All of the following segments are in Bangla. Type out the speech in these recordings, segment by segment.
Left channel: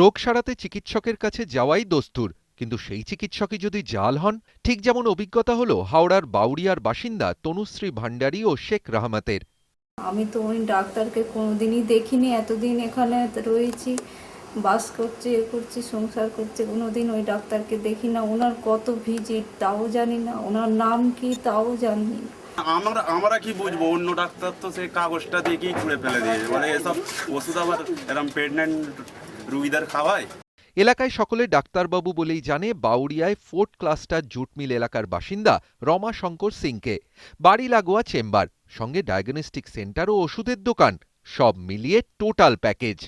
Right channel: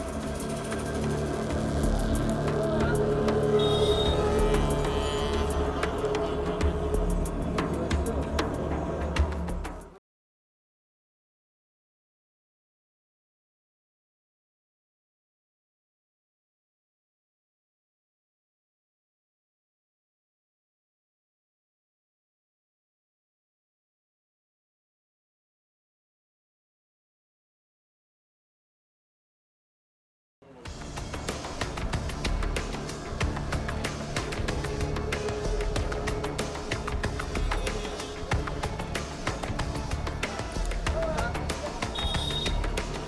রোগ সারাতে চিকিৎসকের কাছে যাওয়াই দস্তুর। কিন্তু সেই চিকিৎসকে যদি জাল হন ঠিক যেমন অভিজ্ঞতা হলো হাওড়ার বাউরিয়ার বাসিন্দা তনুশ্রী ভান্ডারী ও শেখ রাহমাতের। আমি তো ওই ডাক্তারকে কোনোদিনই দেখিনি এতদিন এখানে রয়েছি বাস করছে এ করছি সংসার করছি কোনোদিন ওই ডাক্তারকে দেখি না। ওনার কত ভিজিট তাও জানি না। ওনার নাম কি তাও জানি আমরা আমরা কি বুঝব? অন্য ডাক্তার তো সেই কাগজটা দেখেই ছুঁড়ে ফেলে দিয়েছে। বলে এসব ওষুধ আবার এরকম প্রেগনেন্ট রুগীদের খাওয়ায়। এলাকায় সকলে ডাক্তারবাবু বলেই জানে বাউরিয়ায় ফোর্ট ক্লাস্টার জুট মিল এলাকার বাসিন্দা রমা শঙ্কর সিংকে। বাড়ি লাগোয়া চেম্বার সঙ্গে ডায়াগনস্টিক সেন্টার ও ওষুধের দোকান সব মিলিয়ে টোটাল প্যাকেজ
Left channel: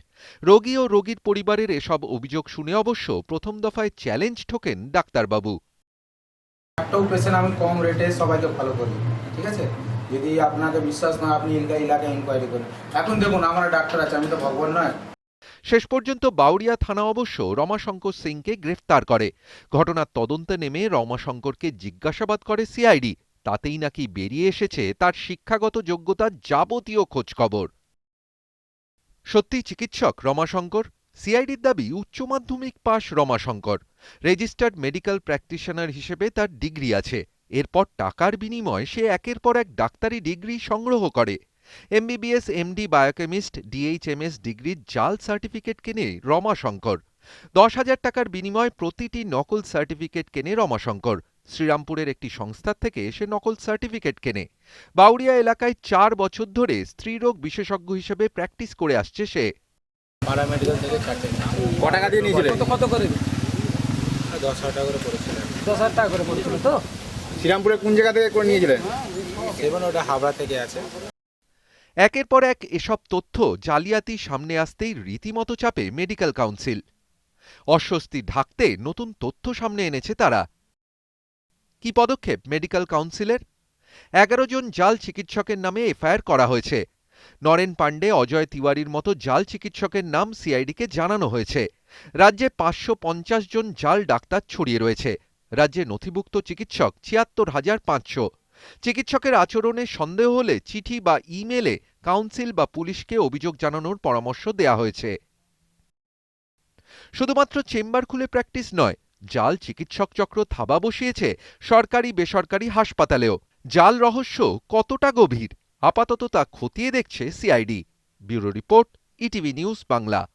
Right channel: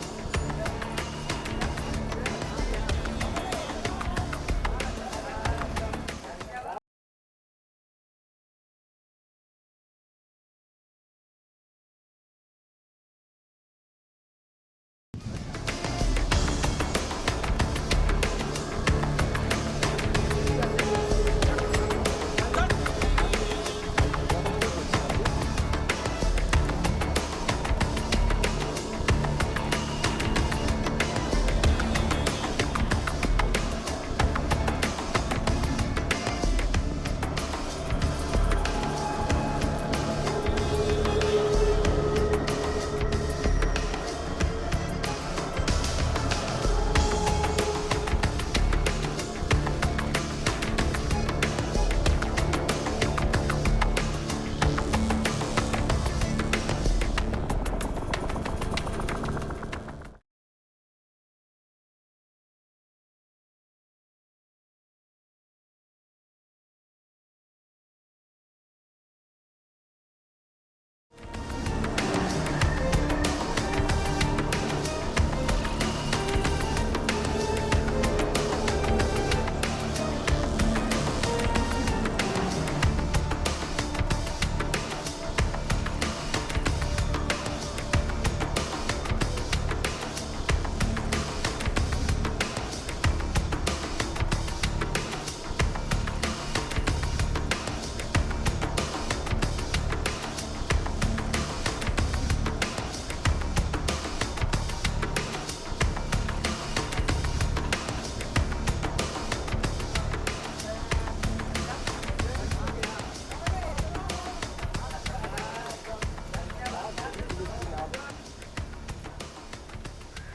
রোগী ও রোগীর পরিবারের এসব অভিযোগ শুনে অবশ্য প্রথম দফায় চ্যালেঞ্জ ঠোকেন ডাক্তারবাবু। একটাও পেশেন্ট আমি কম রেটে সবাইকে ফলো করি ঠিক আছে? যদি আপনাকে বিশ্বাস না আপনি এলাকা এলাকায় ইনকোয়ারি করুন। এখন দেখুন আমার ডাক্তার আছে আমি তো ভগবান নয়। শেষ পর্যন্ত বাউরিয়া থানা অবশ্য রমাশঙ্কর সিংকে গ্রেফতার করে। ঘটনার তদন্তে নেমে রমাশঙ্করকে জিজ্ঞাসাবাদ করে সিআইডি। তাতেই নাকি বেরিয়ে এসেছে তার শিক্ষাগত যোগ্যতার যাবতীয় খোঁজখবর। সত্যি চিকিৎসক রমাশঙ্কর, সিআইডির দাবি উচ্চ মাধ্যমিক পাশ রমাশঙ্কর। রেজিস্টার্ড মেডিকেল প্র্যাকটিশনার হিসেবে তার ডিগ্রি আছে। এরপর টাকার বিনিময়ে সে একের পর এক ডাক্তারি ডিগ্রি সংগ্রহ করে। এমবিবিএস এমডি বায়োকেমিস্ট ডিএইচএমএস ডিগ্রির জাল সার্টিফিকেট কেনে রমাশঙ্কর। দশ হাজার টাকার বিনিময়ে প্রতিটি নকল সার্টিফিকেট কেনে রমাশঙ্কর। শ্রীরামপুরের একটি সংস্থার থেকে সে নকল সার্টিফিকেট কেনে। বাউরিয়া এলাকায় চার বছর ধরে স্ত্রীরোগ বিশেষজ্ঞ হিসেবে প্র্যাকটিস করে আসছে সে। পাড়া থেকে চারটে ক টাকা দিয়ে নিয়েছিলেন কত কত করে? দশ হাজার টাকা করে পড়েছিলেন দশ হাজার টাকা করে পড়ছিল তো? শ্রীরামপুরে কোন জায়গা থেকে করে নিয়েছিলেন সেভেন ওটা হাবড়া থেকে আছে। একের পর এক এসব তথ্য জালিয়াতি সামনে আসতেই রীতিমতো চাপে মেডিকেল কাউন্সিল অস্বস্তি থাকতে নতুন তথ্য সামনে এনেছে তারা। কি পদক্ষেপ মেডিকেল কাউন্সিলের এগারো জন জাল চিকিৎসকের নামে এফআইআর করা হয়েছে। নরেন পান্ডে অজয় তিওয়ারির মতো জাল চিকিৎসকের নাম সিআইডিকে জানানো হয়েছে। রাজ্যে পাঁচশো পঞ্চাশ জন জাল ডাক্তার ছড়িয়ে রয়েছে। রাজ্যে নথিভুক্ত চিকিৎসক ছিয়াত্তর হাজার পাঁচশো। চিকিৎসকের আচরণে সন্দেহ হলে চিঠি বা ইমেলে কাউন্সিল বা পুলিশকে অভিযোগ জানানোর পরামর্শ দেওয়া হয়েছে। শুধুমাত্র চেম্বার খুলে প্র্যাকটিস নয়, জাল চিকিৎসক চক্র থাবা বসিয়েছে সরকারি বেসরকারি হাসপাতালেও। জাল রহস্য কতটা গভীর? আপাতত তা খতিয়ে দেখছে CID. Bureau report ETV news Bangla.